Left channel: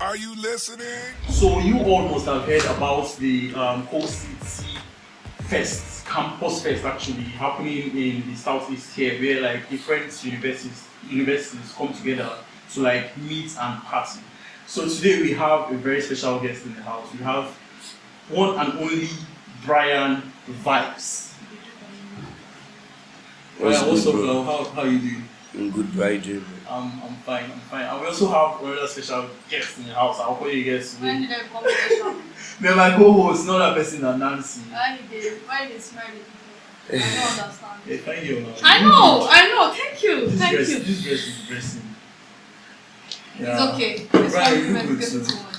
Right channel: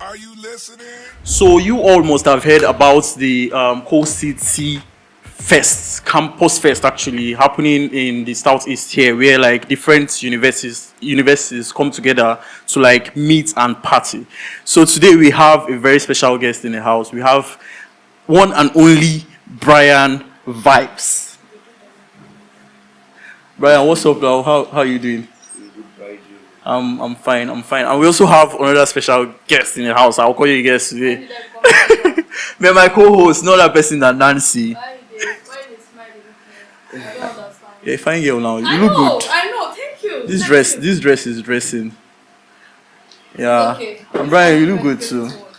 Are you listening? So you all must have heard about the Coalcity Fest, Campus Fest, actually happening in the southeast here, where like different universities come together to like meet and party. So today we have a very special guest in the house. We have one and only Brianvibez. Brian, what's up, now? How are you doing? I'm good, right, Jim? I'm fine. And we also have another special guest in the house. I'll call you a guest today. But my co-host, not that person, that Nancy. Why they smiling? I don't understand. Yeah, fine girl now. You I look know, good. I know. Thank you. This dress is dressing. Yeah. Okay. And Brian, you look good too. So much.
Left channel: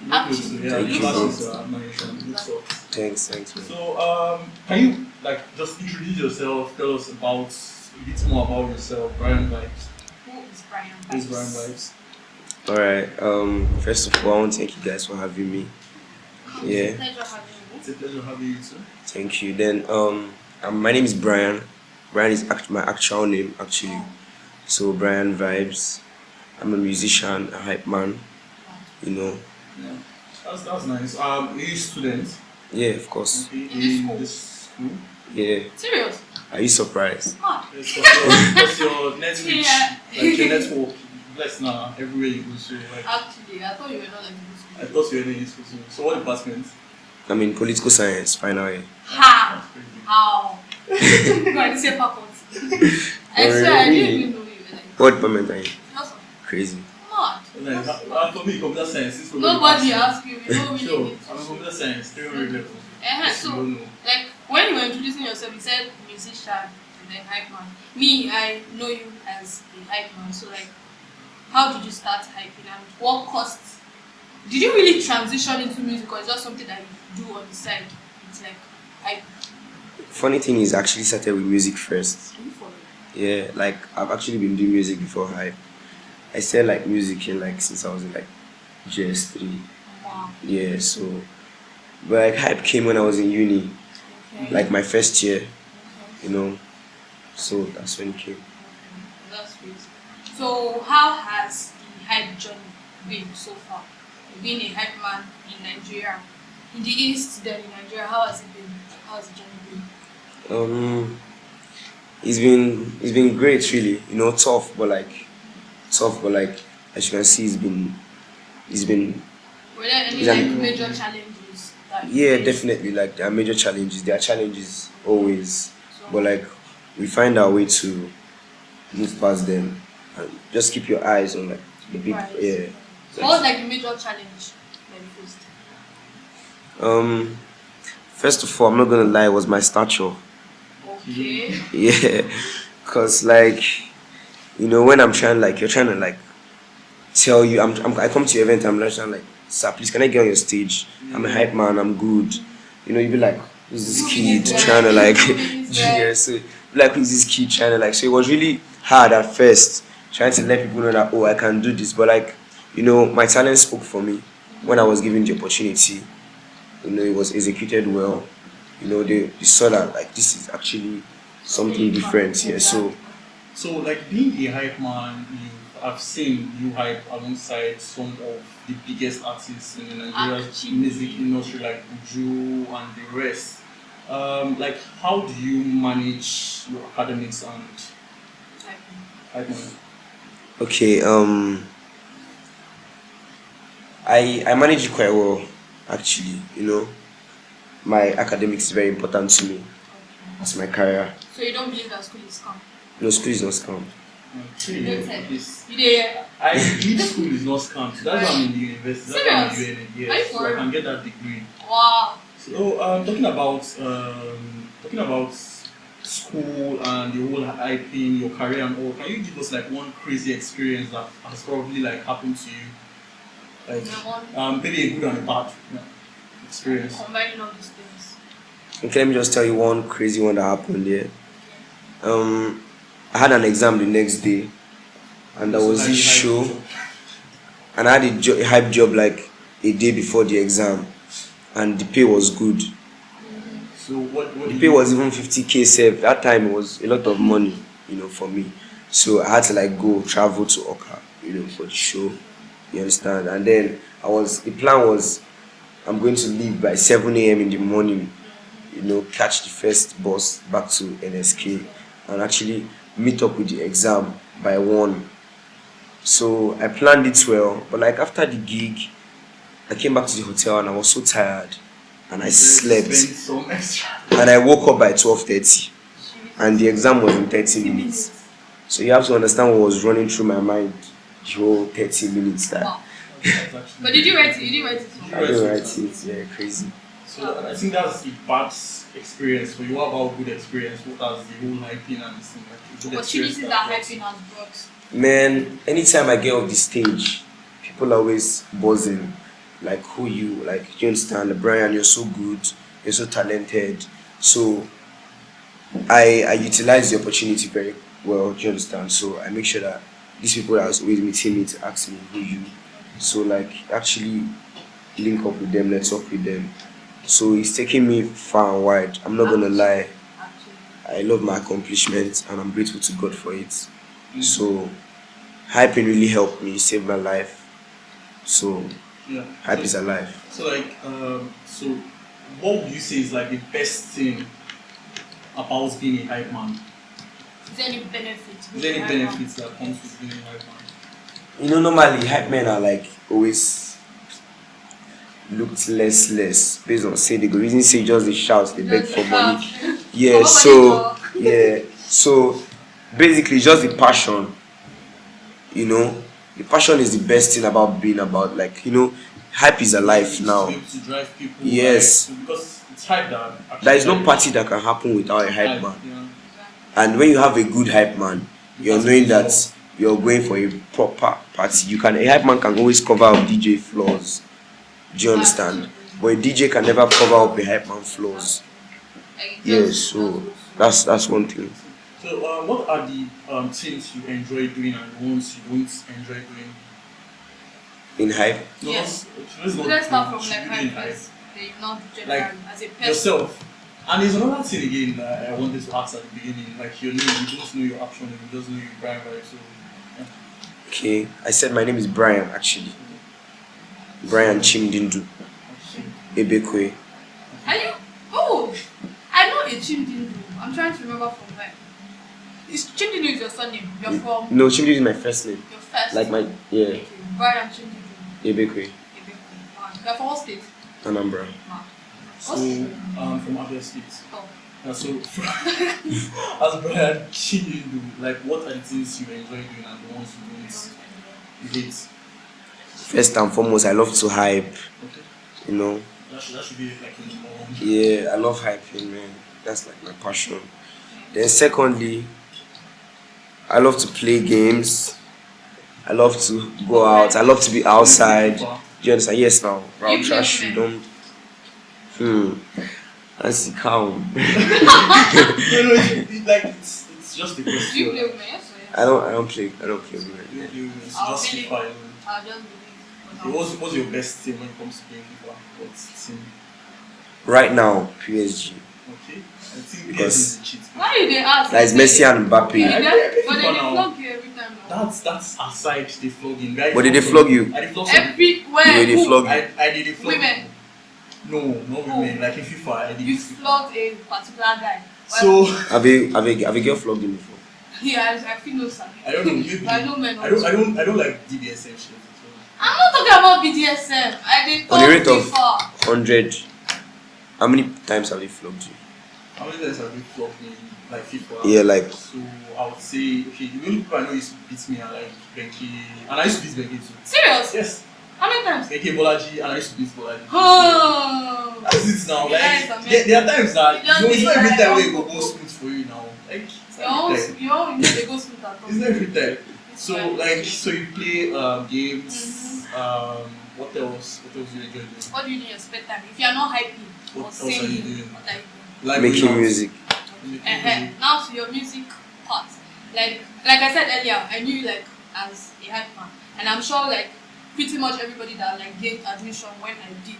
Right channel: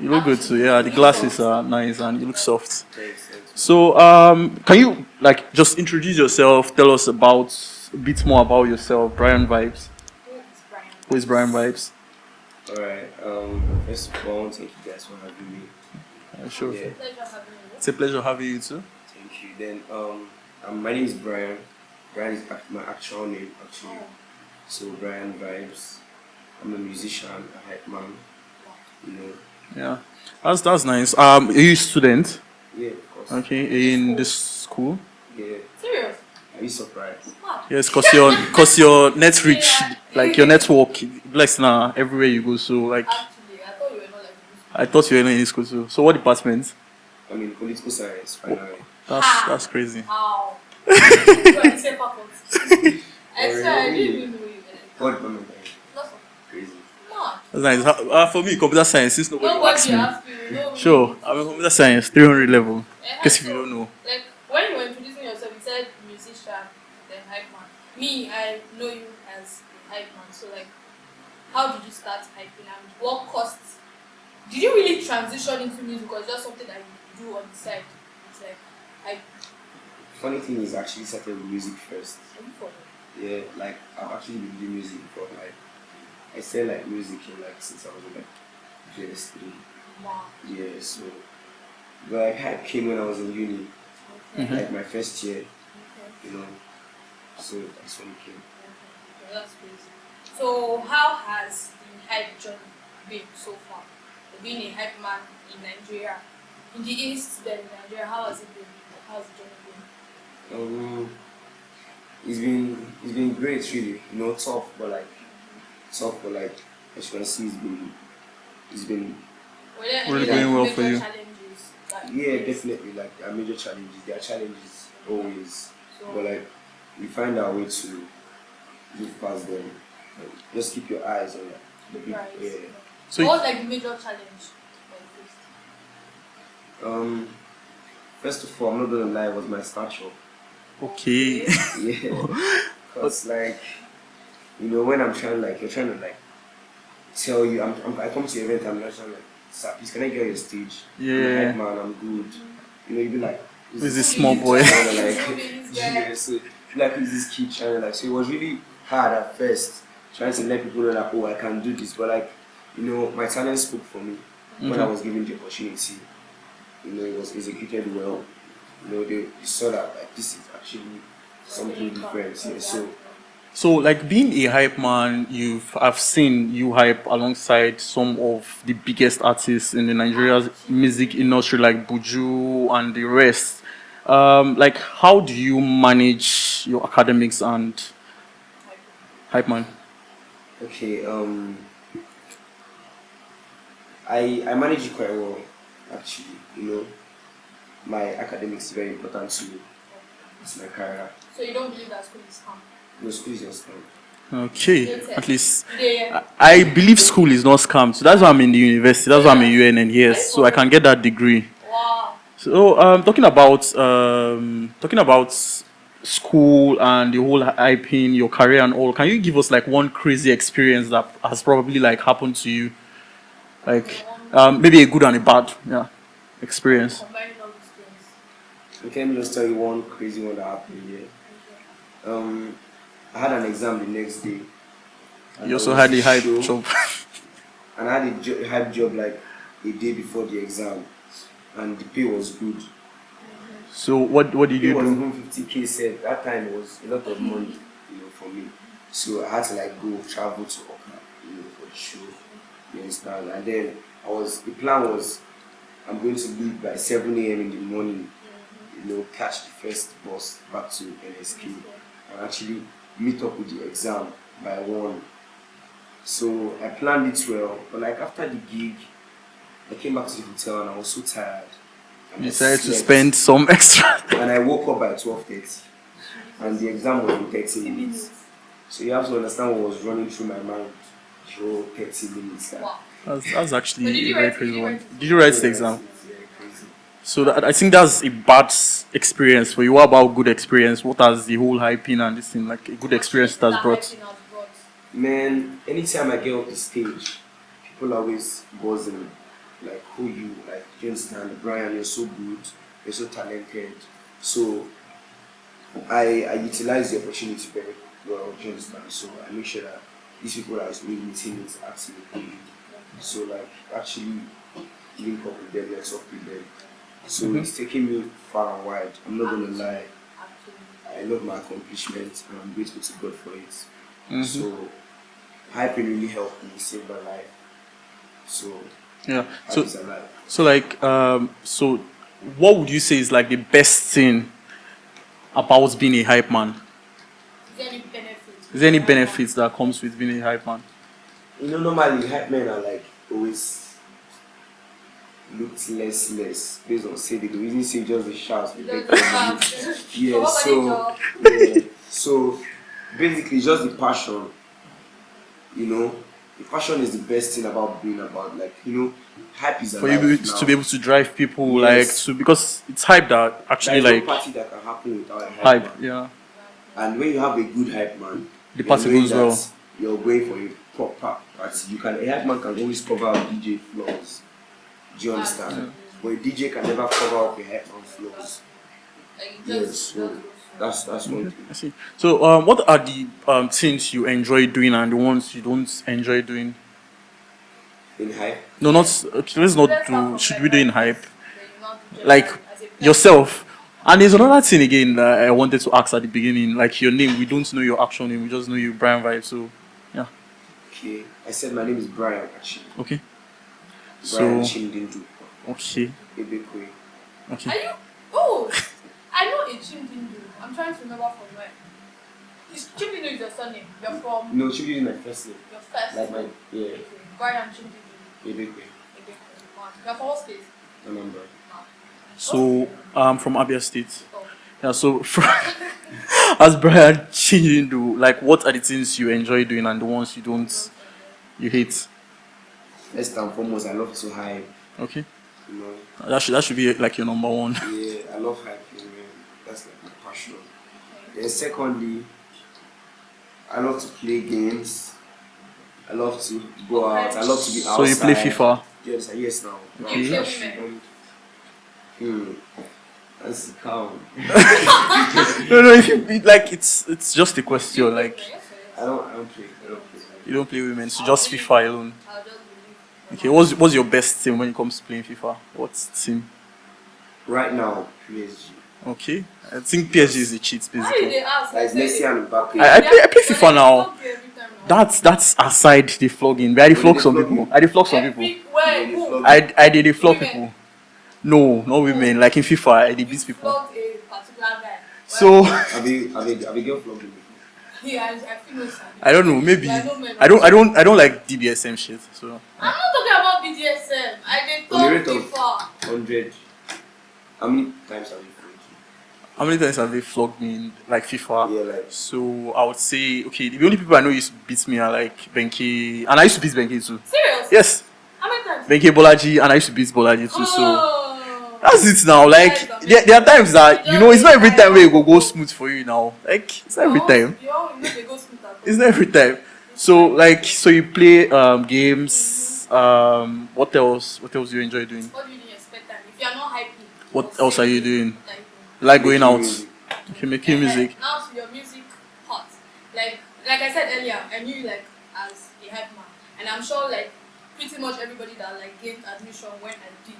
You look good too. Yeah, the glasses are nice and you look soft. Thanks. Man. So, can you like just introduce yourself? Tell us about a bit more about yourself, Brianvibez. Who is Brianvibez? Alright, first of all, I want to thank you guys for having me. Sure. Yeah, It's a pleasure having you too. thank you. Then, my name is Brian. Brian is my actual name, actually. So, Brianvibez. I'm a musician, a hype man, you know. Yeah, that's nice. Are you a student? Yeah, of course. Okay, in this school. Yeah. Serious? Are you surprised? Yes, cause your net reach, Yeah. like your network, blessed now everywhere you go. So like, Actually, I thought you were not like this. I thought you were in this school too. So what department? I'm in political science, final year. That's crazy. How? Go and say faculty. I swear, I didn't even know you were like What department are you? philosophy. Crazy. Mad. That's nice. For me, computer science. Since Nobody asked you. You know me. Sure, I'm in computer science, 300 level. Guess if you So, don't know. like, when you were introducing yourself, you said musician and then hype man. Me, I know you as a hype man. So, like, how did you start hyping and what caused? Did you really transition into music or is just something that you do on the side? It's like hype. Funny thing is, I actually started with music first. Are you following? Yeah, like I've actually been doing music before hype. I started like music in like since I was in like GS3. Wow. Yeah, so but like hype came when I was in uni, Okay. like my first year, Okay. you know. So that's when it came. Okay, that's crazy. So, how has the hype journey been so far? Being a hype man in Nigeria, in the East, then in Nigeria, how has it been? How's the journey been? It's been great really, you know, tough but like as you can see it's been Were there any Really like, doing well for major you. challenges? That you yeah, faced? definitely like there are major challenges. There are challenges always. So, But like we find our way to move past them and just keep your eyes on like the big right. yeah. So what was like the major challenge that you faced? First of all, I'm not gonna lie, it was my stature. Okay. Yeah, cause like you know when I'm trying like you're trying to like tell you I come to your event, I'm like trying like, sir, please can I get on your stage? I'm a Yeah. hype man, I'm good. You know, you be like, who's Who's this this small kid boy? trying to like Who's that? yeah, so you be like, who's this kid trying to like, so it was really hard at first trying to let people know that, oh, I can do this, but like, you know, my talent spoke for me when I was given the opportunity. You know, it was executed well. You know, they saw that like this is actually something different here. So like being a hype man, I've seen you hype alongside some of the biggest artists in the Nigerian music industry like Buju and the rest. Like how do you manage your academics and hype man? Okay, I manage it quite well actually, you know. My academics is very important to me. That's my career. So you don't believe that school is calm? No, school is not scam. Okay, at least Yeah. I believe school is not scam. So that's why I'm in the university. That's why I'm in UNN. Yes, so I can get that degree. Wow. So talking about school and the whole hyping, your career and all, can you give us like one crazy experience that has probably like happened to you, like maybe a good and a bad experience? Combining all these things. Okay, let me just tell you one crazy one that happened here. I had an exam the next day, and You there also was had a the hype show, job. and I had a hype job like a day before the exam, and the pay was good. So what did The you pay do? was even 50K saved. That time it was a lot of money, you know, for me. So I had to like go travel to Oka, you know, for the show. You understand? And then the plan was I'm going to leave by 7 a.m. in the morning, catch the first bus back to NSK and actually meet up with the exam by 1. So I planned it well, but like after the gig, I came back to the hotel and I was so tired and I Decided to slept spend some extra. and I woke up by 12:30 and the exam was in 30 minutes. So you have to understand what was running through my mind the whole 30 minutes that Wow. That's actually. But did you very write it? crazy Did you one. write it? Did you write I the write exam? it, yeah, crazy. So I think that's a bad experience for you. What about good experience? What has the whole hyping and this thing like a good experience Opportunities that's brought? Hyping has brought. Man, anytime I get off the stage, people are always buzzing. Like, who you? Like, you understand? Brian, you're so good. You're so talented. So, I utilize the opportunity very well. Do you understand? So, I make sure that these people that are always meeting me to ask me, who you? So, like, actually link up with them, let's talk with them. So, it's taking me far and wide. I'm not gonna lie. Actually. I love my accomplishments and I'm grateful to God for it. Mhm. So hyping really helped me save my life. So Yeah. hype So, is alive. so what would you say is like the best thing about being a hype man? Is there any benefit? Is there any benefits that comes with being a hype man? Normally hype men are like always looked less based on say they go reason say just they shout, they beg for money. Yeah, so basically just the passion, the passion is the best thing about being about like, hype is For alive you now. to be able to drive people Yes. because it's hype that There actually is like no party that can happen without a hype hype. man. Yeah. And when you have a good hype man, The you're party knowing goes that well. you're going for a proper party. A hype man can always cover up DJ flaws. Do you understand? But a DJ can never cover up a hype man flaws. Yes, so that's one thing. I see. So what are the things you enjoy doing and the ones you don't enjoy doing? In hype, No, Yes. not let's not Let's start do. from, Should like, we do in hype? first, then you know, Like generally, as a person. yourself. And there's another thing again that I wanted to ask at the beginning, like your name. We don't know your actual name. We just know you, Brianvibez. So, yeah, okay. I said my name is Brian actually. okay. Brian So, Chimdindu okay, Ebekwe. Are okay. you? Oh, I know a Chimdindu. I'm trying to remember from where. Is Chimdindu is your surname? You're from No, Chimdindu is my first name. your first. Like my Okay. Brian Chimdindu. Ebekwe, You're from what state? Anambra. Nah. So, I'm from Abia State. Oh. Yeah. So, as Brian Chindu, like, what are the things you enjoy doing and the ones you hate? First and foremost, I love to hype. Okay. You know, That should be like your number one. yeah, I love hyping, man. That's like my passion. Then secondly, I love to play games. I love to go out. I love to be So outside. you play FIFA? Do you understand? Yes, now. You play Trash, you women? don't. That's the cow. No, like it's just a You question. play Like women, yes, yes. I don't play women. you don't play women, so I'll just play- FIFA alone. I'll just believe. Okay, what's your best team when it comes to playing FIFA? What's team? Right now, PSG. Okay, I think PSG is a cheat. Why Basically. did they ask? That is Messi and Mbappe. I play But FIFA they now. flog you every time now. That's aside the flogging. I did But flog they some flog people. you? I did flog some people. Everywhere. They flog you. I did the flog Women. people. No, not women. Like in FIFA, I did You these people. flogged a particular guy. So Have a girl flogged him before? Yeah, I feel no sorry. I don't know. Maybe But I know men I don't like DBSM shit. So I'm not talking about BDSM. I did On talk the rate of FIFA. 100, how many times have they flogged you? how many times have they flogged me in like FIFA? Yeah, like So I would say okay. The only people I know used to beat me are like Benke, and I used to beat Benke too. Serious? Yes, How many times? Benke Bolaji, and I used to beat Bolaji too. So Oh. that's it now. Like Yes, there are times that it's not every time where it go smooth for you now. Like it's not every time. You know they go smooth at all. It's not every time. So you play games. What else? What else do you enjoy doing? What do you do in your spare time? If you are not hyping. What or else are singing, you doing? what are you doing? Like making going out, music. okay, making music. Now to your music part. Like I said earlier, I knew you like as a hype man. And I'm sure like pretty much everybody that like gained admission when I did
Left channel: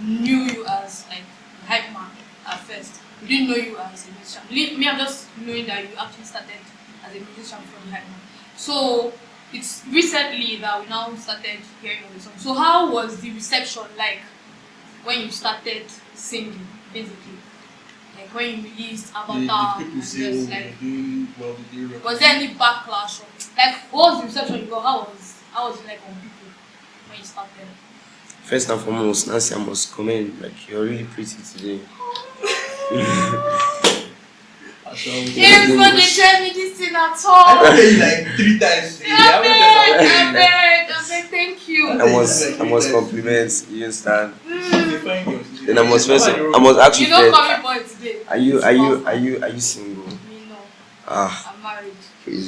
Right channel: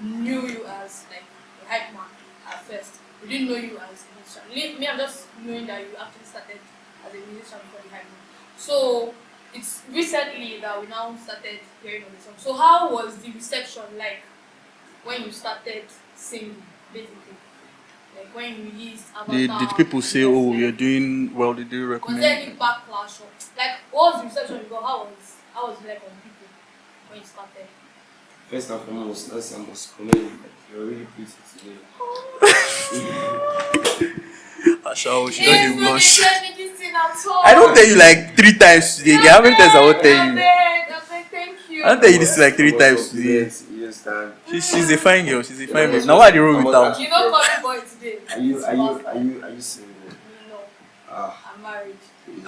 knew you as like a hype man at first. We didn't know you as a musician. Me, I'm just knowing that you actually started as a musician before the hype man. So it's recently that we now started hearing of the song. So how was the reception like when you started singing, basically? Like when you released Avatar? Did people say, oh, you're like, doing well? Did they was recommend? there any backlash? Or, like, what was the reception you got? How was it like on people when you started? First and foremost, Nancy, I must comment. Like, you're really pretty today. I shall. Even when they tell me this thing at all. I don't tell you like 3 times today. How many times I will tell you? I beg, thank you. I tell you this like 3 I must times today. compliment. You understand? She's a fine girl. She's a Then fine girl. Now why the room I must without- actually You don't first- call me boy today. Are you single? Me no. Ah, I'm married. crazy.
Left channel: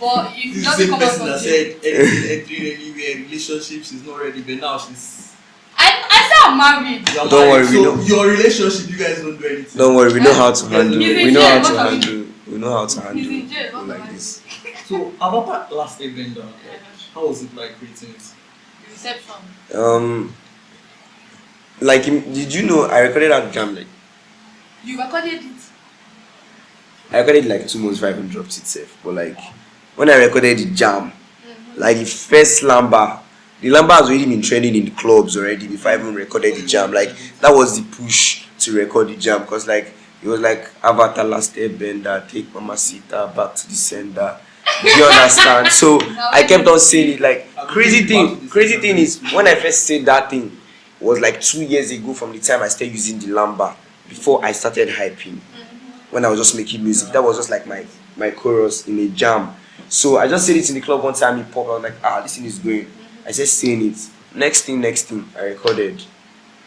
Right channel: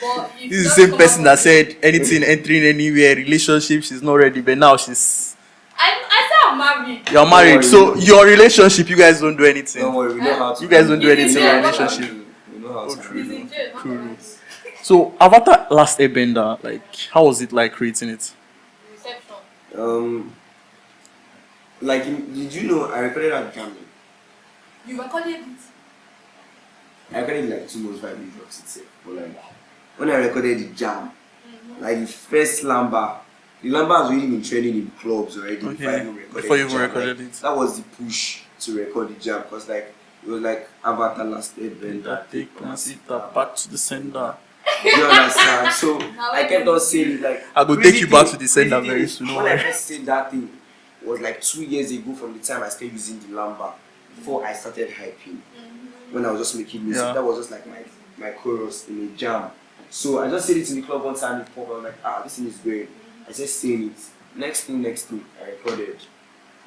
But you This is just the same come person out that with- said anything entering anywhere, relationship, she's not ready, but now she's. I said I'm married. You're Don't married, worry, so we your relationship, you guys don't do anything. Don't worry, we know how to You guys handle. don't do We know how anything. to handle. We know how to He's handle. in jail. Not married. Please. So Avatar Last Airbender, like, how was it like creating it? Reception. Like, did you know I recorded at Jam? Like, You recorded it. I recorded like 2 months before I even dropped it safe. But like, when I recorded the Jam, like the first Lamba, the Lamba has already been trending in the clubs already before I even recorded Before the you Jam. Like, recorded it. that was the push to record the Jam, because like it was like Avatar Last Airbender, take Mamacita back to the sender. Do you understand? So I kept on saying it. Like, I go crazy take you back thing, to the crazy sender thing very is, soon. when I first said that thing, was like 2 years ago from the time I started using the Lamba, before I started hyping. When I was just making music, Yeah. that was just like my chorus in a jam. So I just said it in the club one time. It popped. I was like, this thing is going. I just saying it. Next thing, I recorded.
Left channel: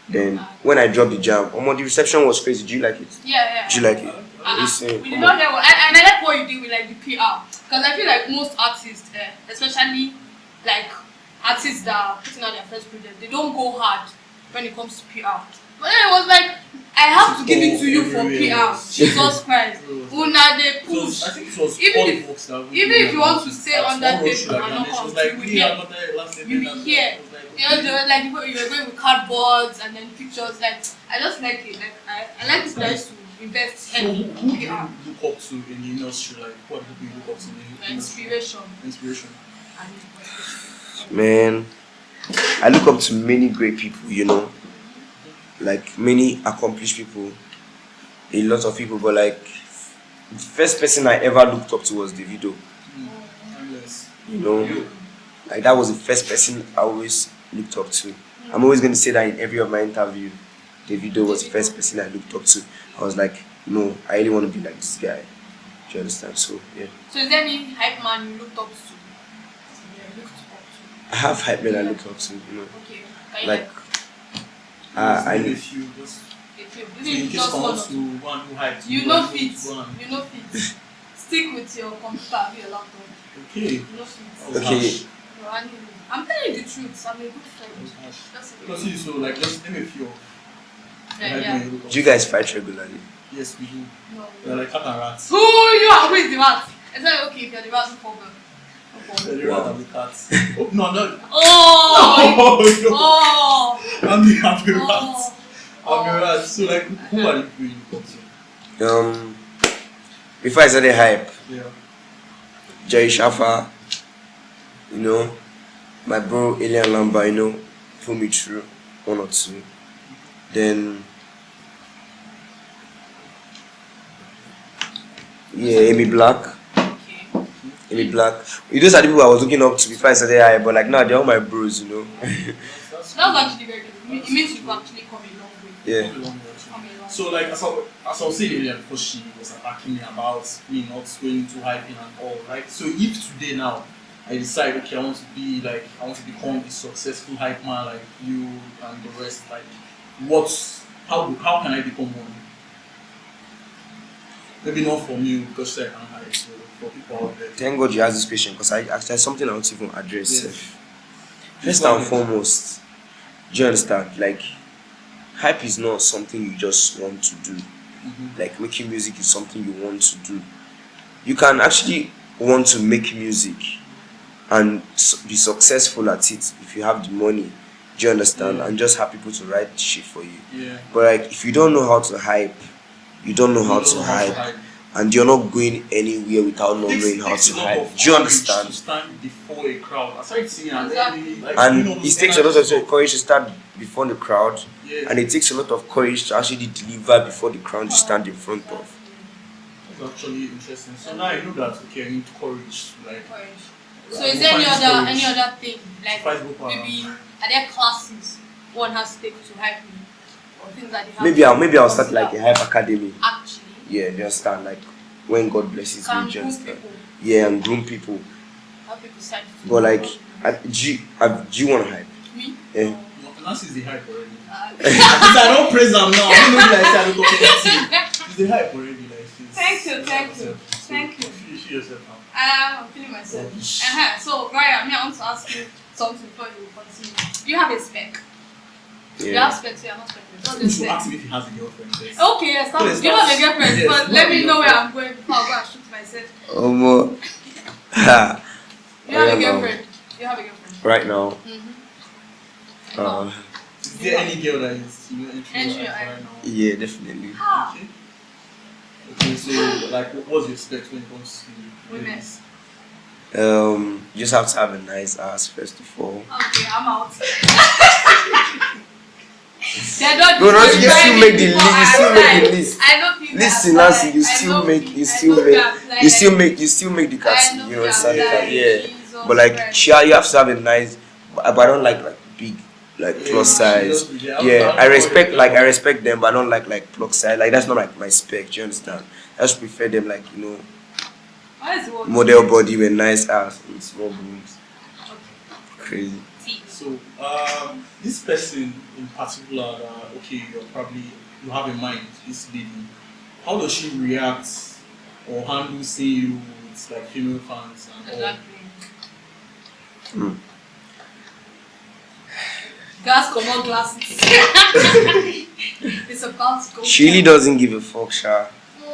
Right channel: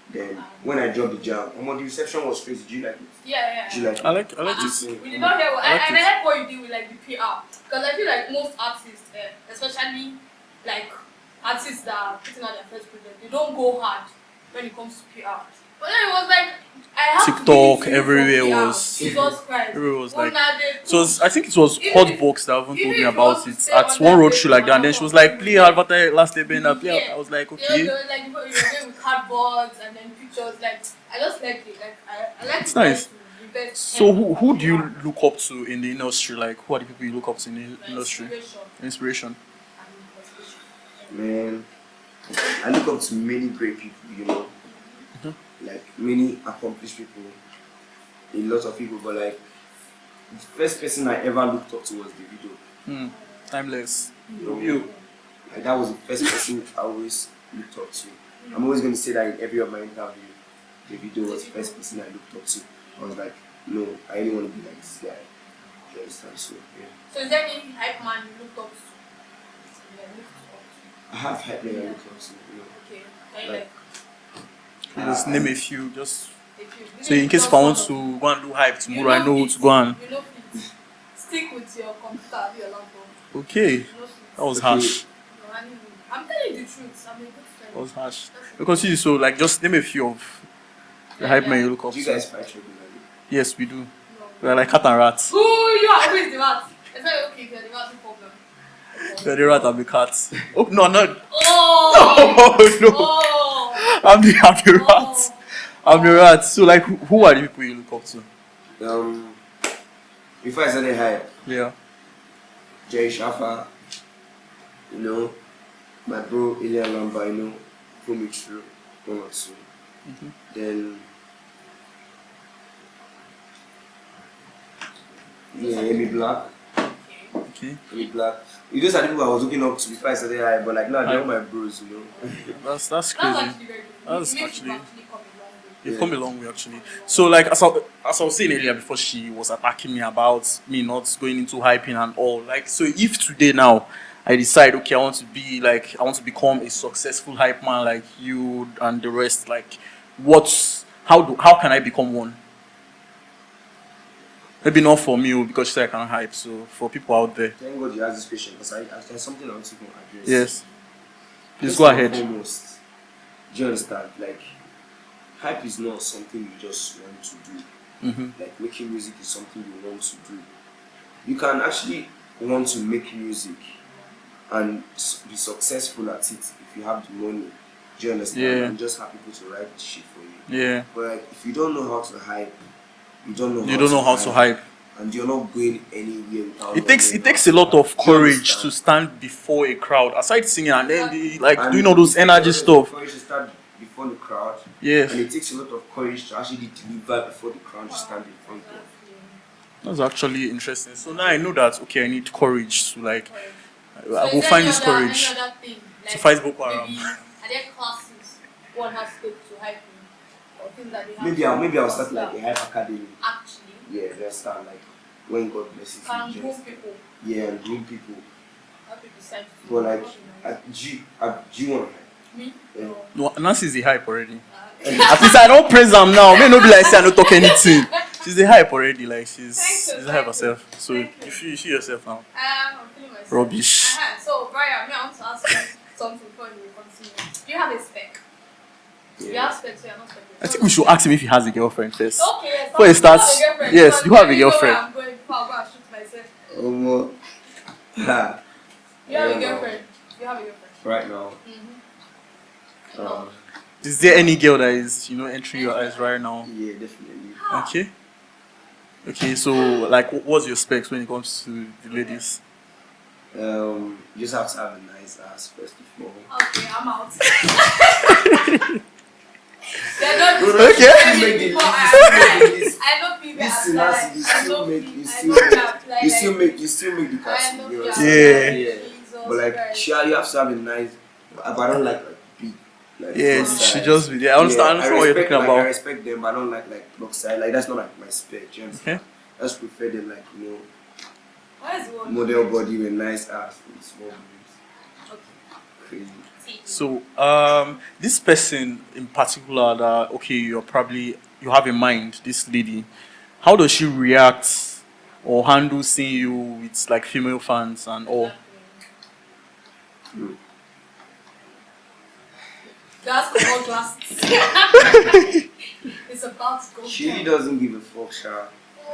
Then when I dropped the jam, the reception was crazy. Do you like it? Yeah. Do you like it? I like it. Listen, We did not hear what, and I like what you did with like the PR, because I feel like most artists, especially like artists that are putting out their first project, they don't go hard when it comes to PR. But then it was like, I have to give it TikTok, to you everywhere for PR. was- Jesus Christ. Everywhere was Una, like- they So push. I think it was Even Hot if- Box that even told even me if you want about to it stay at on one that road page show like that. And then she was like, play Avatar Last Airbender. Yeah. I was like, They okay. were like you were going with cardboards and then pictures. Like I just like it. Like I like It's the nice. guys to invest. So heavily who on do you PR. look up to in the industry? Like, who are the people you look up to in the Your industry? inspiration Inspiration. and inspiration. man, I look up to many great people. You know, like many accomplished people, a lot of people. But like, the first person I ever looked up to was Davido. Timeless. You know, like that was the first person I always looked up to. I'm always going to say that in every of my interview. Davido was the first person I looked up to. I was like, no, I really want to be like this guy. Do you understand? So yeah, So is there any hype man you looked up to? I have hype men I look up to. You know, Okay. Can you like Just I name a few. Just if you- so in case if I want to go and do hype tomorrow, I know who to go and. You know fit. Stick with your computer, your laptop. Okay, You know fit. that was Okay. harsh. Your animal. I'm telling you the truth. I'm a good friend. That was harsh. That's- Because you so like just name a few of the Yeah, hype yeah. men you look up do you to. guys fight regularly? Yes, we do. No. We are like cat and rat. Who you are? Who is the rat? Is that okay if you're the rat problem? We are the rat and the cat. Oh no, no. Oh! No, no. Oh! I'm the rat. Oh! I'm the rat. So like, who are the people you look up to? Before I started hype, Yeah. Jerry Shafa, you know, my bro Elian Lamba, you know, put me through 1 or 2. Then Amy Black. Okay. Okay. Amy Black. Those are the people I was looking up to before I started hype, but like now they're all my bros, you know. That's That's crazy. actually very good. That's It means actually- you actually come a long way. Yeah. Come a long way actually. Come a long So like as I was saying earlier before she was attacking me about me not going into hyping and all, like so if today now I decide okay I want to become a successful hype man like you and the rest, like how can I become one? Maybe not for me because she said I can hype, so for people out there. Thank God you asked this question because there's something I want to even address. Yes. Please First go and ahead. foremost, do you understand? Like, hype is not something you just want to do. Like, making music is something you want to do. You can actually want to make music and be successful at it if you have the money. Do you understand? Yeah. And just have people to write shit for you. Yeah. But like, if you don't know how to hype, you don't know how to hype. and you're not going anywhere without It not takes knowing it how takes to a lot hype. of Do you courage understand? to stand before a crowd, aside singing and then Exactly. doing all those it takes a energy lot of stuff. courage to start before the crowd. Yes. And it takes a lot of courage to actually deliver before the crowd you stand in front of. That's actually interesting. So now I know that okay, I need courage to like So I is will there find any this other, courage. thing? Like fight Boko Haram. maybe are there classes one has to take to hype me? Or things that they have Maybe to I'll start like a consider? hype academy. Actually. Yeah, you understand? Like when God blesses Can me, you groom understand? people. Yeah, and groom people. How people decide to But like, do do you want to hype? me? Yeah. No, Nancy is the hype already. Uh, At least I don't praise them now. May not be like say I don't talk anything. She's the hype already. Like she's Thank you, the hype thank herself. you, So thank you. you see yourself now. I'm feeling myself. Rubbish. So, Brian, I want to ask you something before you continue. Do you have a spec? You Yeah. have specs, you are not spec. I think we should ask him if he has a girlfriend first. Okay, yes. Before it You have starts- a girlfriend. yes, but you have let a me know where girlfriend. I'm going before I go and shoot myself. You have a girlfriend. You have a girlfriend. Right now. No. Is there any girl that is entering your Entering eyes your right now? Yeah, definitely. Okay. Okay, so like what's your specs when it comes to the ladies? You just have to have a nice ass first of all. Okay, I'm out. They're not No, you disqualifying still make the me list. You before still make the I- list. I don't feel Listen, that Nancy, you applies. I still don't make, feel- you I still don't make, apply, you still like- make, you still make the I cat. don't You feel understand? applies. Yeah. Jesus But like, Christ. you have to have a nice. But I don't like big, like Yeah, plus she size. just- yeah, I understand I what you're respect talking I about. respect them, but I don't like plus size. Like that's not like my spec. Do you understand? Okay. I just prefer them like What is the word? model body with nice ass and small boobs. Okay. Crazy. See. So this person in particular that you have in mind, this lady, how does she react or handle seeing you with like female fans and all? Exactly. Gas or more glasses. It's about to go. She really doesn't give a fuck, Sha.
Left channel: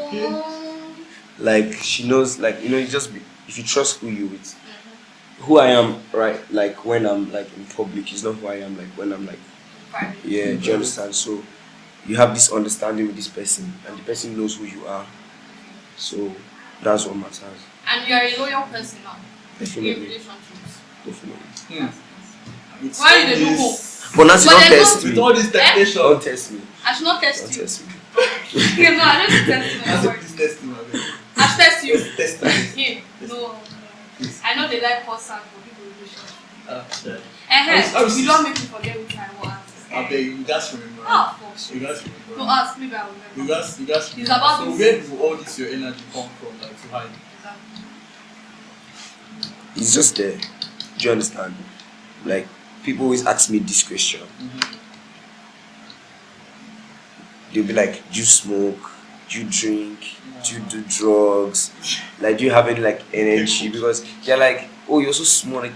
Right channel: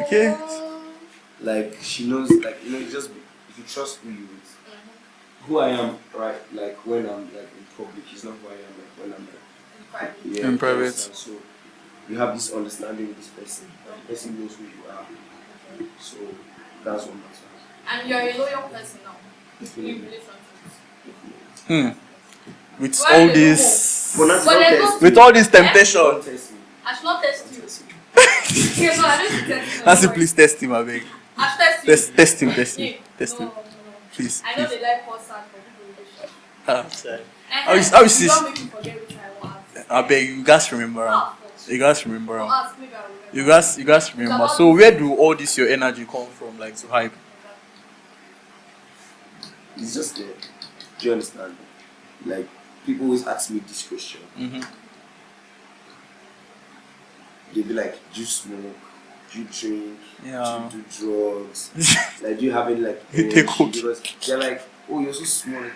Okay. Like she knows, like you just be, if you trust who you with, who I am, right? Like when I'm like in public, is not who I am. Like when I'm like, yeah, In do you private. understand? So you have this understanding with this person, and the person knows who you are. So that's what matters. And you are a loyal person now. In Definitely, relationships. definitely. With Why all did they this, But Nancy, But don't there's test no- me. with all this temptation, Don't test me. I should not Don't test you. test me. Okay, no, I don't test you. Nancy, please test him, I beg. I should test you. Test him, test You. him, test No, him, no. please. I know they like person for people in relationship. Sorry. Uh-huh. how is You this- don't make me forget which I want. I beg you guys remember. Ah, fuck. You guys remember. No, ask me, but I will remember. You guys remember. about- So where do all this your energy come from, like to hype? Exactly. It's just there. Do you understand? Like people always ask me this question. They'll be like, "Do you smoke? Do you drink? Yeah. Do you do drugs? Like, do you have any like You take energy?" coke. Because they're like, "Oh, you're so small. Like,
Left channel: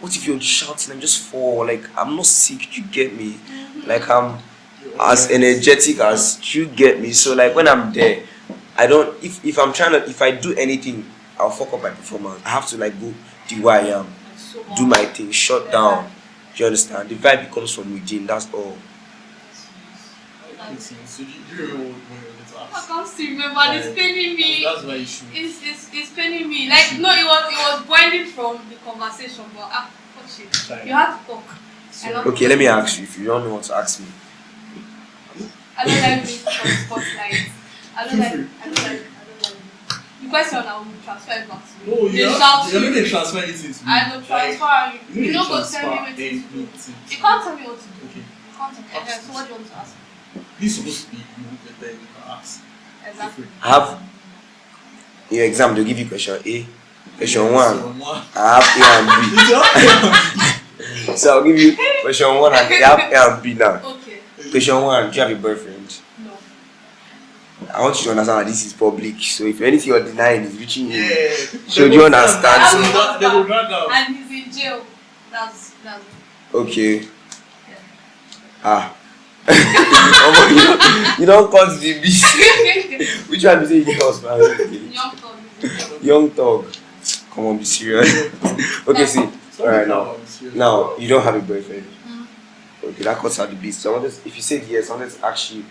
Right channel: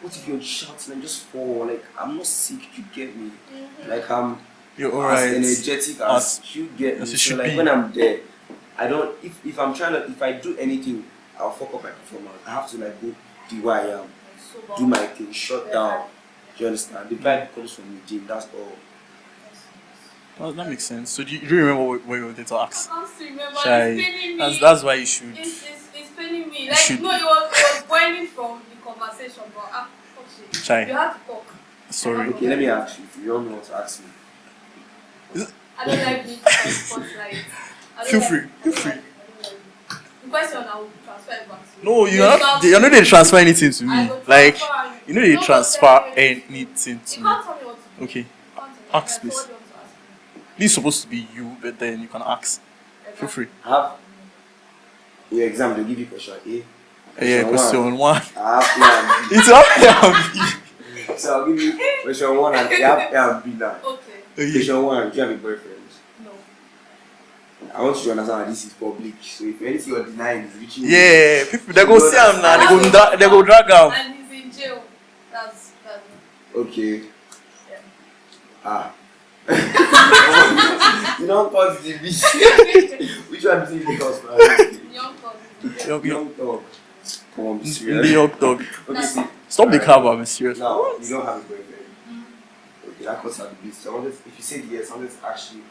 what if you're shouting and just fall? Like, I'm not sick. You get me? Like, I'm You're as alright. energetic as you get me. As So you like should when be. I'm there, I don't. If I'm trying to, if I do anything, I'll fuck up my performance. I have to like go the way I am, Like, so do my thing, shut down. Do you understand? The vibe comes from within. That's all. Well, that makes sense. So do you remember what you wanted to I ask? can't still remember. Shy. It's paining me. That's why you should. It's paining me. Like should- no, it was boiling from the conversation, but fuck shit. Shy. You have to talk. Sorry. Okay, let me ask you. If you don't know what to ask me, I don't like being put on spotlight. I don't Feel like, free. I don't like. The question I will transfer it back to you. No, They you're not. shout You're not you. they transfer anything to me. I don't Like transfer you know they don't transfer tell me what to do. anything You to me. can't tell me what to do. Okay. You can't tell me. Ask So this. what do you want to ask me? This is supposed to be you, but then you can ask. Feel Exactly. free. I have in your exam. They'll give you question A, question Yeah, one. question one. I have A and B. It's up. So I'll give you question one and I have A and B now. Okay. Question one: do you have a boyfriend? No. I want you to understand that this is public. So if anything you're denying is reaching you, Yeah, people So they go you see him understand. now. They go drag out. And he's in jail. That's okay. yeah. Ah. you don't cause the beast. Which one is it? You cause man? Young thug is in jail. Young dog. Come on, be serious. New York dog. Okay, see. Stop the Alright. crap, I'm serious. Now you don't have a boyfriend. Okay, that cuts out the beast. So I wanted, if you said yes, I wanted to ask you,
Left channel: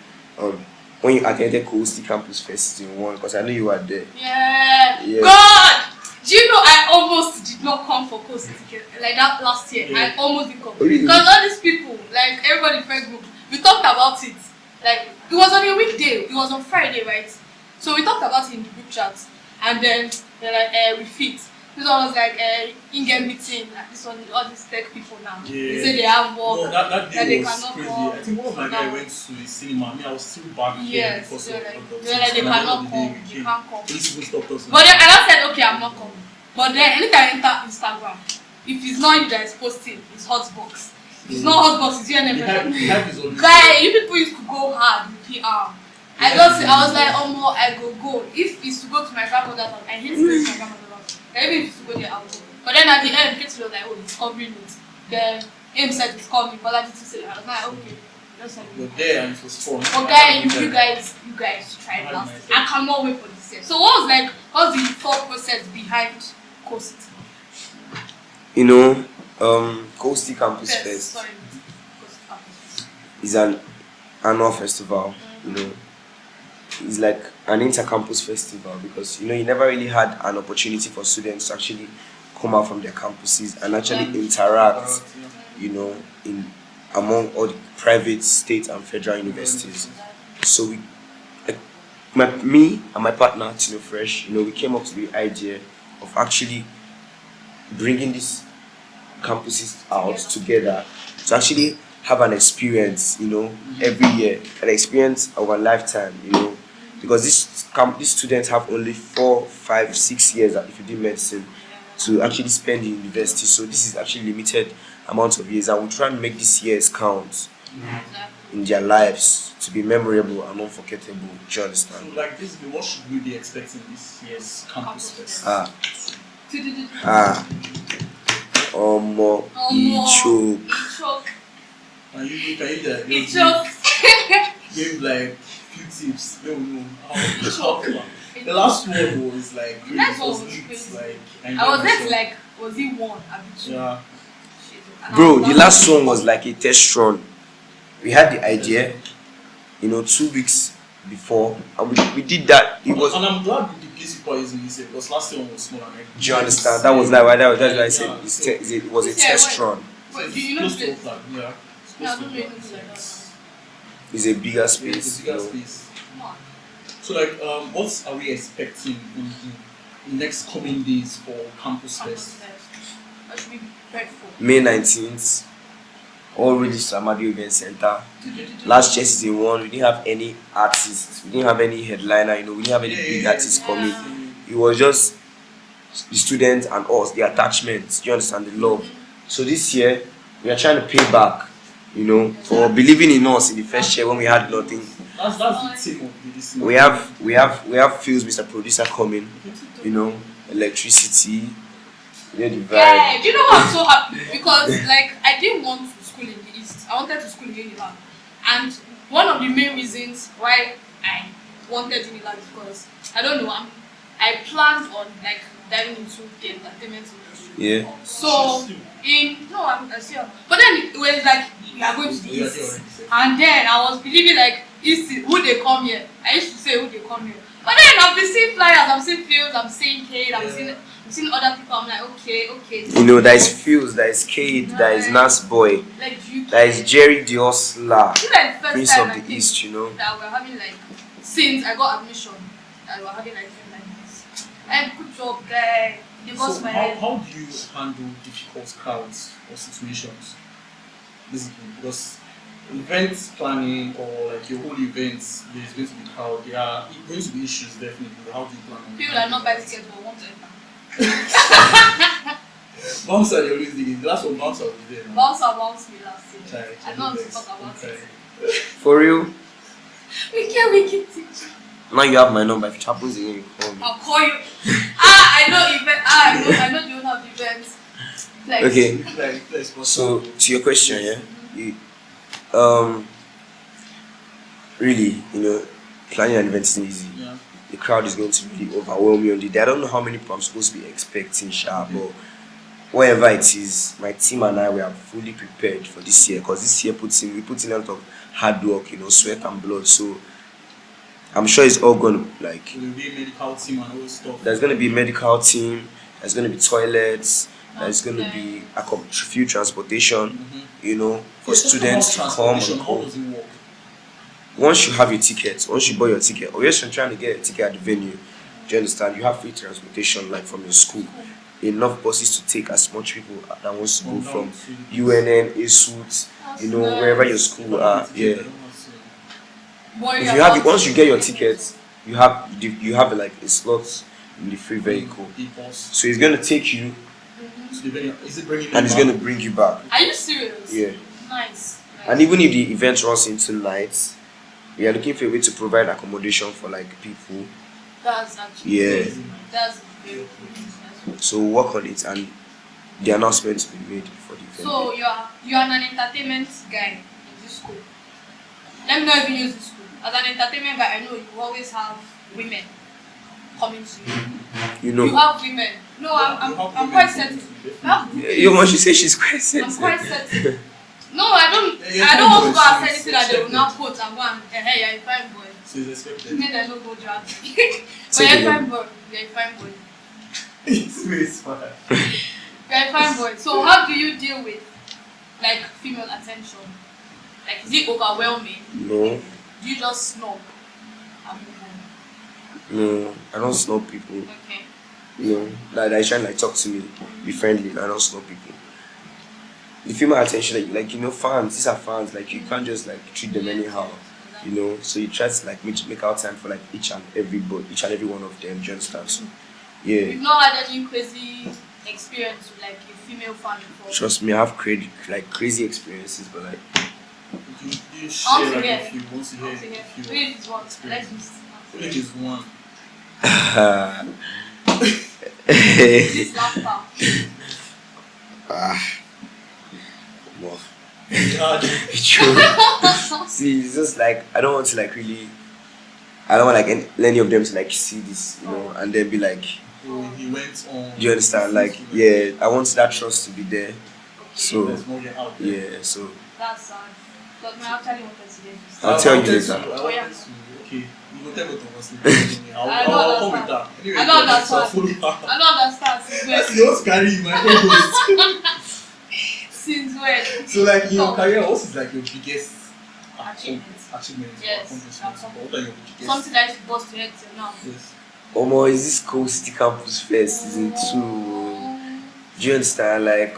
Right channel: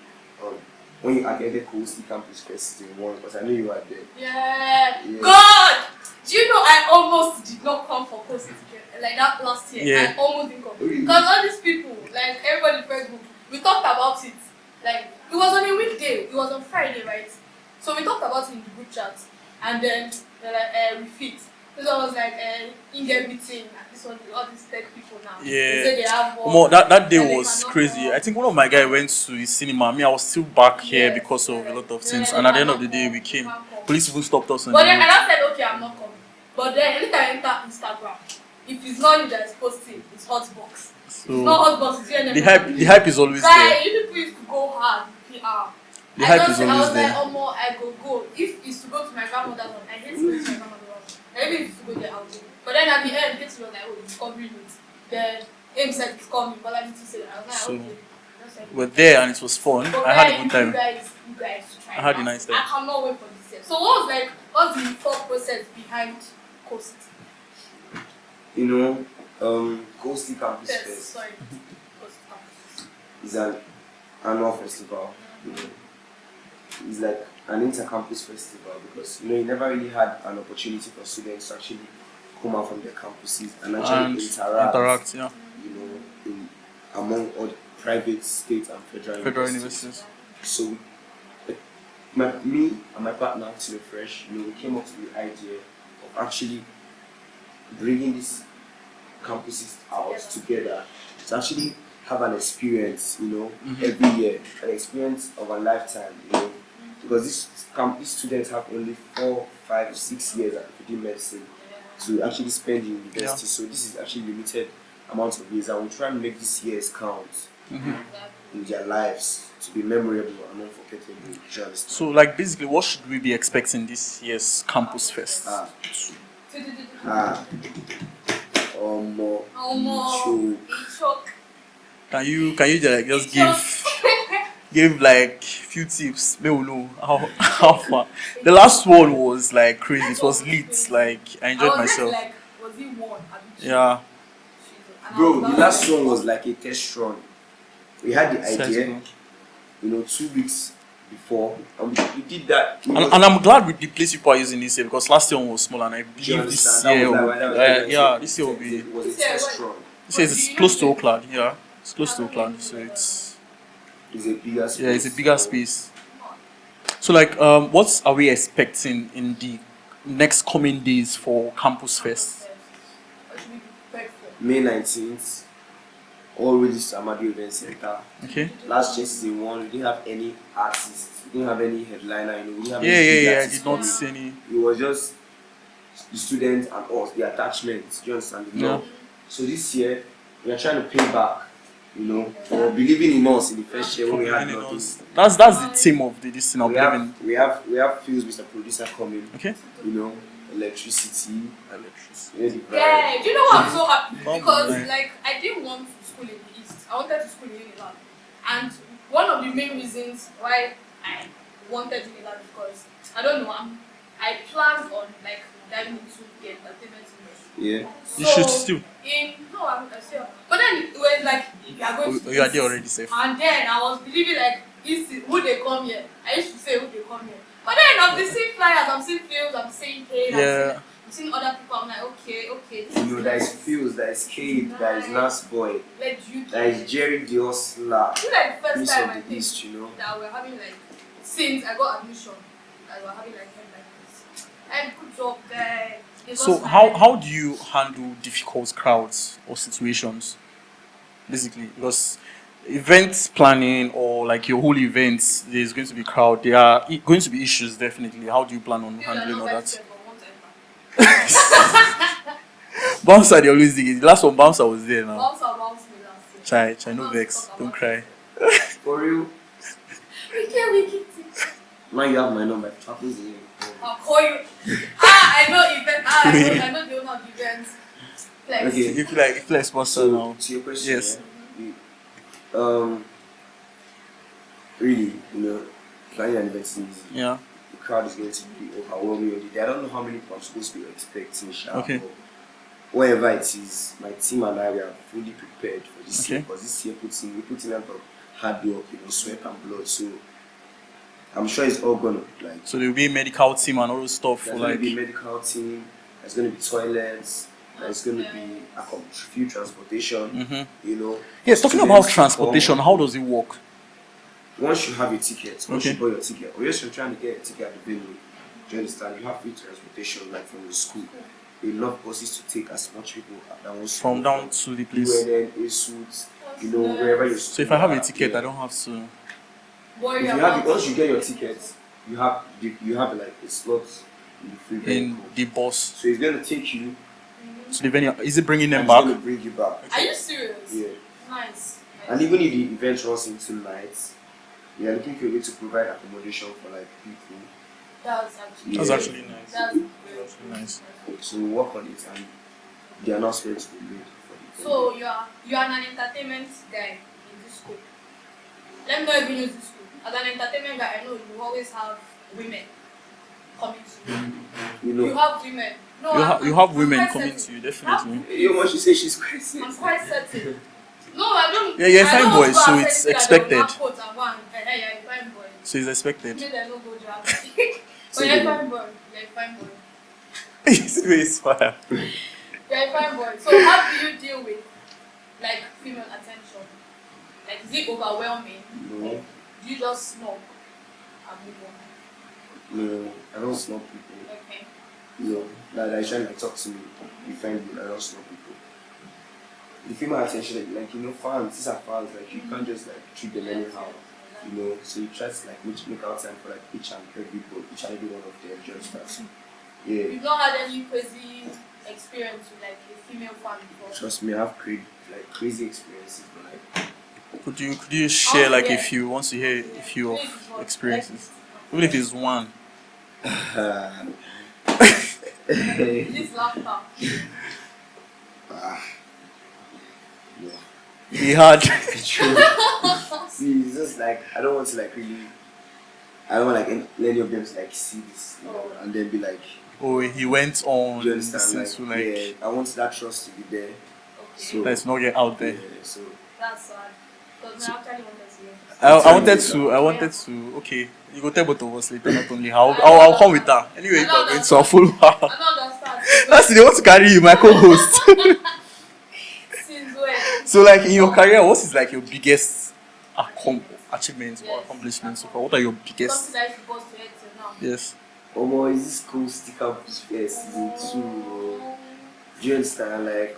when you attended Coalcity Campusfest season 1, because I know you were there. Yeah. Yes. God! Do you know I almost did not come for Coalcity like that last year? Yeah. I almost didn't come. Really? Because all these people, like everybody in Facebook, we talked about it. Like it was on a weekday, it was on Friday, right? So we talked about it in the group chat, and then they're like, refit. This one was like in-game meeting, and this one, all these tech people now. Yeah. They say they have work. More, that that day they was cannot crazy. come. I think one of my guys Yeah. went to his cinema. Me, I was still back here Yes, because of they're a lot of like- they're things. like, And they at the end of the cannot day, come, we they came. can't come. Police even stopped us. on But the then road. I said, okay, I'm not coming. But then anytime I enter Instagram, if it's not you that is posting, it's Hotbox. If it's So, not Hotbox, it's you and the hype is always Guy, there. you people used to go hard with PR. The I hype just is I was always like, there. oh more, I go. If it's to go to my grandmother's house, I hate to go to my grandmother's house. Maybe if it's to go there, I'll go. But then at the end, Kate was like, oh, it's covering it. Then Aim said it's coming, but I did to say, I was like, So, okay. Just like, We're there and it was fun. but I had guy, a you good time. guys try I had a now. nice time. I cannot wait for this year. So what's the thought process behind Coalcity? You know, Coalcity Campusfest Sorry. Coalcity Campus. is an annual festival. You know, it's like an inter-campus festival because you know you never really had an opportunity for students to actually come out from their campuses and actually And interact. yeah. You know, in among all the private, state, and federal Federal universities. universities. So me and my partner Tino Fresh, you know, we came up with the idea of actually bringing these campuses out together to actually have an experience, you know, every year, an experience of a lifetime, you know, because these students have only 4, 5, 6 years if you do medicine to actually spend in university. So this is actually limited amount of years, and we try and make these years count in their lives to be memorable and unforgettable. Do you understand? So, like, basically, what should we be expecting this year's campus fest? Omo, Choke. Can you like just Choke. give like few tips? Maybe we know how far. The last one was like crazy. It was lit. Like I enjoyed I was myself. like, was he one? Yeah. Bro, the last one was like a test run. We had the idea, you know, 2 weeks before, and we did that. It was, And I'm glad with the place people are using this year because last year one was small and I. do you understand? this year That was why I yeah, said it was a test run. It says it's close to Oakland. Yeah, it's close to Oakland. So It's a bigger space. yeah, it's a bigger you know. space. So like, what are we expecting in the next coming days for Campus Fest? May 19th, all released to Amadi Event Center. Okay. Last year season 1, we didn't have any artists, we didn't have any headliner, you know, we didn't have any big artists coming. It was just the students and us, the attachments, do you understand, the love. So this year, we are trying to pay back, you know, for believing in us in the first year when we had nothing. That's the theme of this. We have Phil's Mr. Producer coming, Okay. you know, electricity, you know, the vibe. Yeah, do you know what I'm so happy? Because like I didn't want to school in the East. I wanted to school in Unilag. And one of the main reasons why I wanted Unilag is because I don't know, I planned on like diving into the entertainment industry. Yeah. So You should still. I still. But then it was like you are going to the You are East. there already, safe. And then I was believing like East, who they come here. I used to say who they come here. But then I've been seeing flyers, I'm seeing fields, I'm seeing Kate, I'm seeing other people. I'm like, okay. You know, there is Phil's, there is Cade, there is Nas Boy, there is Jerry Diosla, This is like the first Prince time of I the think East, you know. that we're having like, since I got admission, that we're having like this. And good job, guy. They So bust my how head. do you handle difficult crowds or situations? Basically, because events planning or like your whole events, there's going to be crowd. There are going to be issues definitely. How do you plan on People are handling not all buy that? tickets but want to enter. Bouncer, they always dig it. The last one, Bouncer was there now. Bounce me last year. Chai, I no know vex, to talk don't about cry. For real, We can. now you have my number. If it happens again, you call me. I'll call you. I know event. I know the owner of the events. Like, Okay. You feel like sponsor So now. to your question, Yes. really, you know, planning an event isn't easy. Yeah. The crowd is going to really overwhelm you on the day. I don't know how many people I'm supposed to be expecting, Sha, Okay. but whatever it is, my team and I we are fully prepared for this year Okay. because this year we put in a lot of hard work, you know, sweat and blood. So I'm sure it's all gonna like. So there will be a medical team and all those stuff. There's gonna be a medical team. There's gonna be toilets. There's gonna be a few transportation. You know. Yes, talking about students to transportation, come. how does it work? Once you have your ticket, once Okay. you buy your ticket, or you're trying to get a ticket at the venue, do you understand? You have free transportation, like from your school. Enough buses to take as much people that wants to From go down from to the place. UNN, ASUT, you know, wherever your So school if I have are, a ticket, yeah. I don't have to. If you have it, once you get your ticket, you have like a slot in the free In vehicle. the bus. So it's gonna take you So the venue, is it bringing them and it's back? gonna bring you back. Are you serious? Yeah. Nice. And even if the event runs into night, we are looking for a way to provide accommodation for like people. That's actually Yeah. That's actually nice. That's very Nice. nice. So we'll work on it and the announcement will be made before the event. So you are an entertainment guy in this school. Let me not even use this school. As an entertainment guy, I know you always have women coming to you. You know. You have women. No, You have I'm women quite coming to certain. you, definitely. Your mom, she says she's quite I'm sensitive. quite certain. No, I don't. Yeah, you're a I fine don't want boy, to go so and it's say anything that they will expected. now quote and go and hey, you're a fine boy. So it's expected. Maybe they don't go drag. But Say you're a it fine again. boy. You're a fine boy. It's fire. You're a fine boy. So how do you deal with like female attention? Like is it overwhelming? No, Do you just snob and move on? no, I don't snub people. Okay. You know, that I try and like talk to me, be friendly. I don't snub people. The female attention, like you know, fans. These are fans. Like you can't just like treat them anyhow. You know, so you try to like make out time for like each and every one of them. Do you understand? So, yeah. You've not had any crazy experience with like a female fan before? Trust me, I have crazy experiences, but like Could you share like yeah. a few once you hear a few Please, what? experiences? Even if it's one. This laughter. well, He had see, it's just like I don't want to like really. I don't want like any of them to like see this, you know, and then be like, oh he went on. do you understand? Like, to, yeah, I want that trust to be there. Okay. So Let's not get out there. yeah, so That's sad. But I actually wanted to hear this. I'll tell you I later. wanted to. Okay, you go tell both of us later. Only I'll come with that. Anyway, I don't it's a understand. full. I don't understand. That's they want to carry you, my co-host. Since when? So, like in your career, what is like your biggest achievement Yes, or accomplishment? that's What are your biggest? Something that you bust your head to now. Yes. Omo, is this Coalcity Campusfest season 2? Do you understand? Like,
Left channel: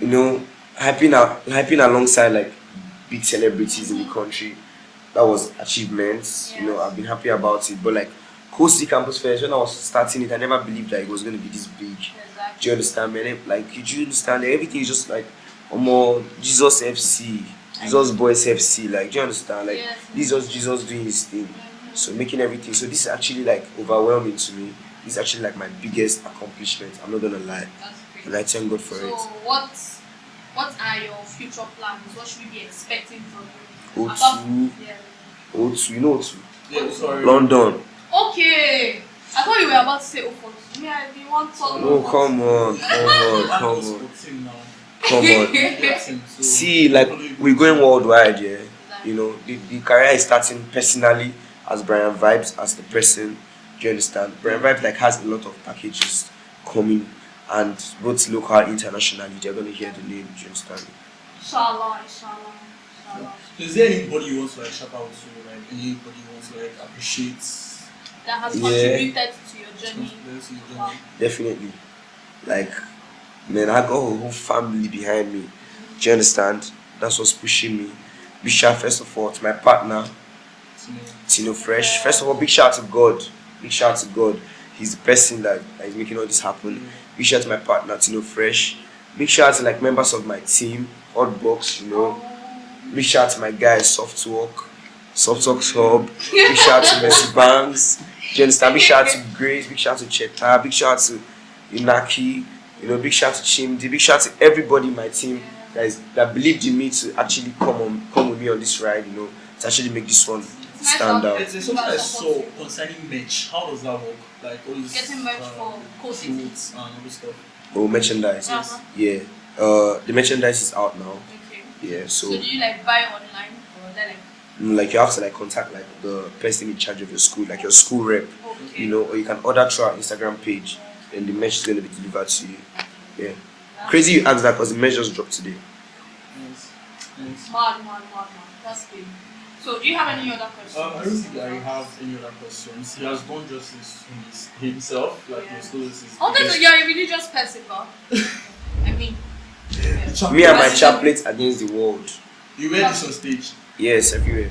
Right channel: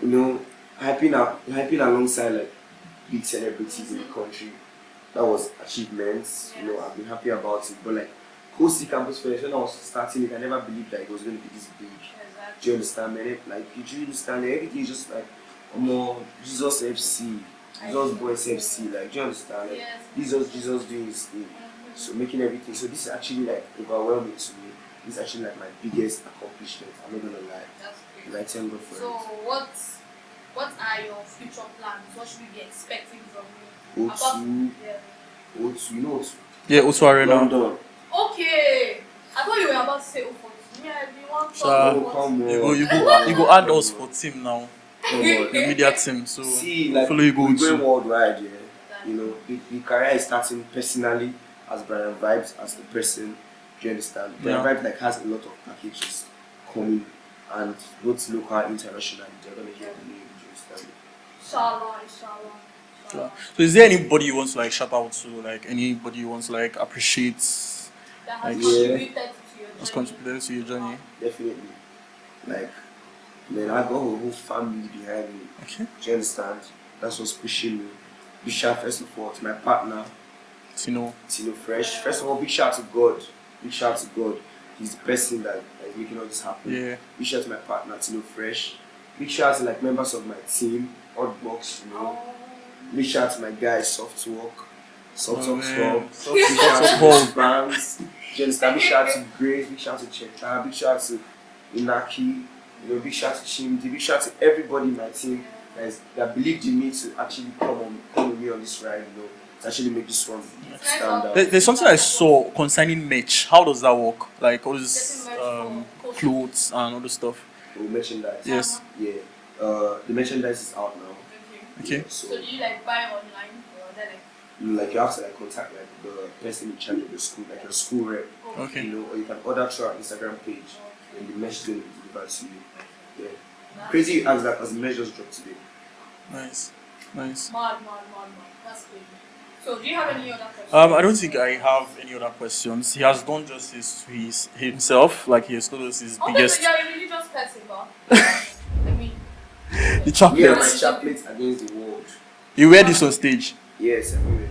you know, hyping alongside like big celebrities in the country. That was achievements. You know, I've been happy about it. But like Coalcity Campusfest, when I was starting it, I never believed that it was going to be this big. Do Exactly. you understand, man? Like, do you understand? Everything is just like, Jesus FC, Jesus Boys FC. Like, do you understand? Like, Yes. this is just Jesus doing his thing. So making everything. So this is actually like overwhelming to me. This is actually like my biggest accomplishment. I'm not gonna lie. That's great. And I thank God for So it. what are your future plans? What should we be expecting from you? O2, Yeah. O2, you know O2? Yeah, also Arena. London. Okay. I thought you were about to say Ofo. Me, I didn't want to talk Oh, about come You on. go add Come us on. for team now. Come on. Media team. So See, like, follow you go we're to- going worldwide, yeah. You know, the career is starting personally as Brianvibez, as the person. Do you understand? Brianvibez like has a lot of packages coming, and both local and internationally, they're gonna hear the name. Do you understand? Inshallah. So is there anybody you want to like shout out to? Like anybody you want to like appreciate? That has Yeah. contributed to your What's journey. contributed to your journey? Wow. Definitely. Like, man, I got a whole family behind me. Do you understand? That's what's pushing me. Big shout first of all to my partner, Tino Fresh. First of all, big shout to God. Big shout to God. He's the person that is making all this happen. Yeah. Big shout to my partner, Tino Fresh. Big shout to like members of my team, Hotbox, you know. Big shout to my guys, Softwork, Softworks Hub. Big shout to Boss Banks. Do you understand? Big shout to Grace. Big shout to Cheta. Big shout to Inaki. You know, big shout to Chimdi. Big shout to everybody in my team that believed in me to actually come with me on this ride. You know, to actually make this one stand out. There's something I saw concerning merch. How does that work? Like all this Getting merch for clothes and all this stuff. Oh, merchandise. Yes. Yeah. The merchandise is out now. Okay. Yeah. So So do you like buy online or then like Like you have to like contact like the person in charge of your school, like your school rep, Okay. you know, or you can order through our Instagram page, and the merch is going to be delivered to you. Yeah. Crazy you asked that because the merch just dropped today. Nice. Mad. That's good. So, do you have any other questions? I don't think I have any other questions. He has done justice to himself, like he has told us his Although biggest. you're a religious person, but I mean, The Me champion. and my chaplet against the world. You wear this on stage. Yes, everywhere.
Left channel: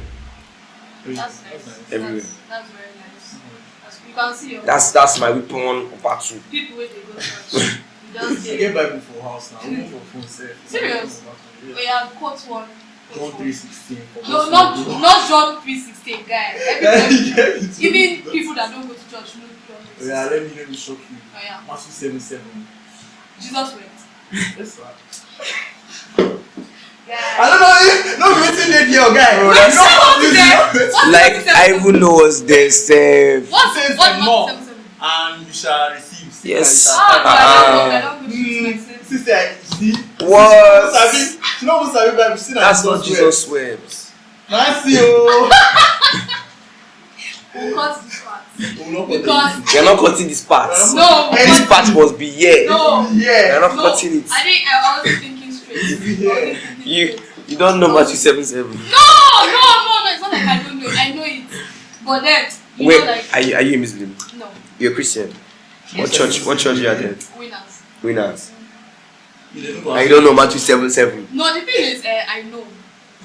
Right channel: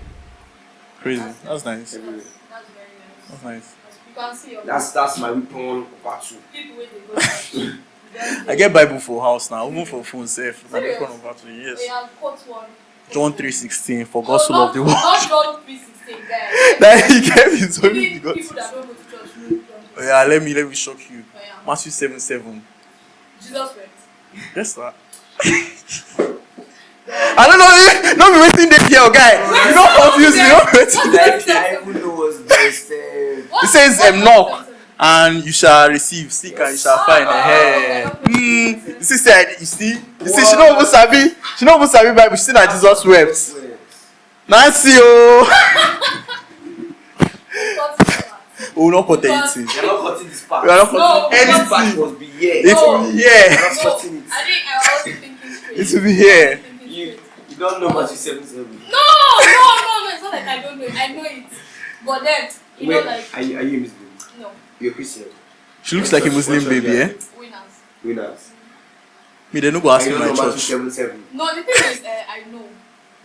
Crazy. That's nice. Everywhere. That's very nice. That's nice. You can see your That's my weapon of battle. people where they go. church. You don't I see- get Bible for house now, even for phone safe. Serious? Yes. We have quote one. John 3:16 for No, gospel of not, the world. not John 3:16, guys. That he gave his own Even God. people that don't go to church know John 3:16. Oh, yeah, let me shock you. Oh, yeah. Matthew 7:7. Jesus wept. Yes, sir. I don't know, not be waiting there, girl, guy. You don't confuse me. Like I even know what's this. It says knock and you shall receive. Seek and you Yes. shall find. Sister, you see? You see, she not even sabi. She not even sabi Bible. She see that Jesus wept. wept. Nice, yo. Oh, not for Because- anything. We're not cutting this part. We are not No, And this part must be here. No. We're Yeah. not cutting it. I think I was thinking straight. It will be here. You don't know Matthew 7:7. No, it's not like I don't know it. I know it. But then, you Wait, know, like, are you a Muslim? no, You're a Christian. She looks What like a church- what Muslim church baby, you eh? are in? winners. Winners. Me, they no go I ask don't me know my Matthew church. 7:7. No, the thing is, I know.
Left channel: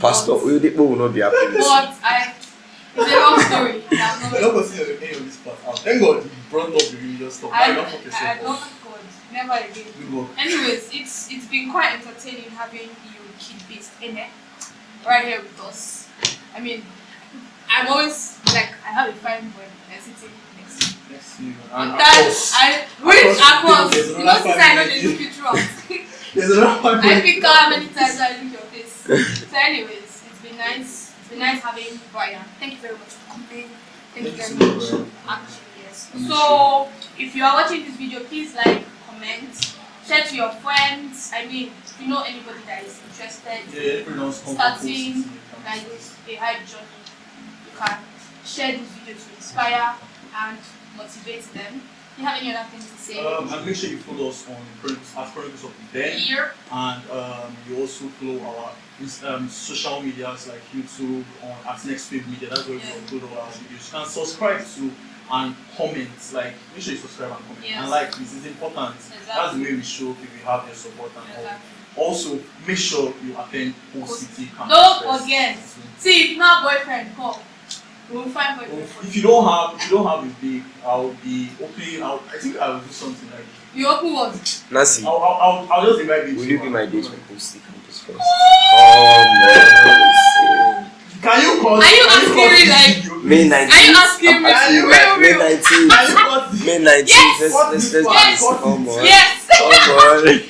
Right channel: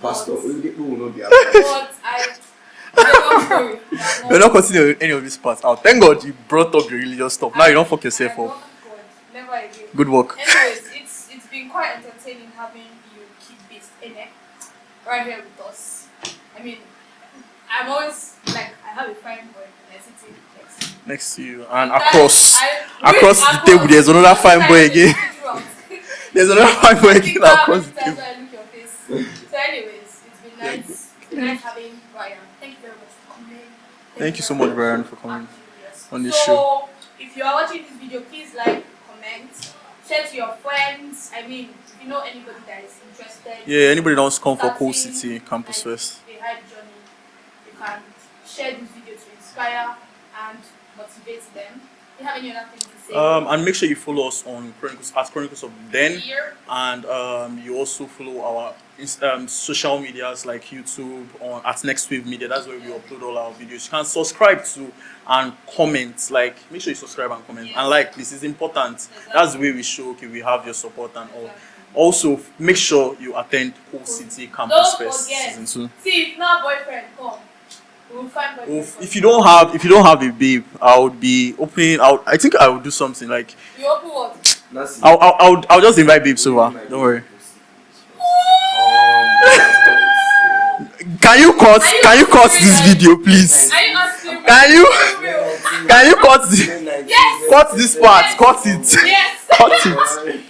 Pastor, But- Oyedepo will not be happy. But it's a long story. I'm We're not continuing any of these parts out. Thank God you brought up the religious stuff. Now you don't fuck yourself I up. don't- God, never again. Good work. Anyways, it's been quite entertaining having you kid-based in it right here with us. I mean, I'm always like I have a fine boy and sitting next to me. Next to you. And That- across across the table, there's another fine boy again. There's another fine boy I again. think that across many the times table. I look your face. So, anyways, it's been nice. It's been nice having Brian. Thank you very much for coming. Thank you so very much, Brian, for coming Actually, yes. on this So, show. if you are watching this video, please like, comment, share to your friends. I mean, if you know anybody that is interested. Yeah, anybody that wants to come for starting Coalcity Campusfest. A hype journey, you can share this video to inspire and motivate them. Do you have any other things to say? And make sure you follow us on Chronicles of Then. Here. And you also follow our social medias like YouTube on at Next Wave Media. That's where we upload all our videos. You can subscribe to and comment. Like, make sure you subscribe and comment. Yes. And like, this is important. Exactly. That's the way we show we have your support and all. Exactly. Also, make sure you attend Coalcity Don't Campusfest forget. season 2. See, if not boyfriend, come. We'll find boyfriend. for If you don't have a babe, I would be opening out. I think I would do something like you open what? Nancy, I'll just invite babes will you over. be my Don't worry. Coalcity Campusfest? Oh Can you cut? Are you Can you cut asking me, this like- video, please? Midnight. Are you asking me? Can you- my May 19. Can you cut this? May 19. Yes. Cut this part. Yes. Cut it. Yes. Cut it.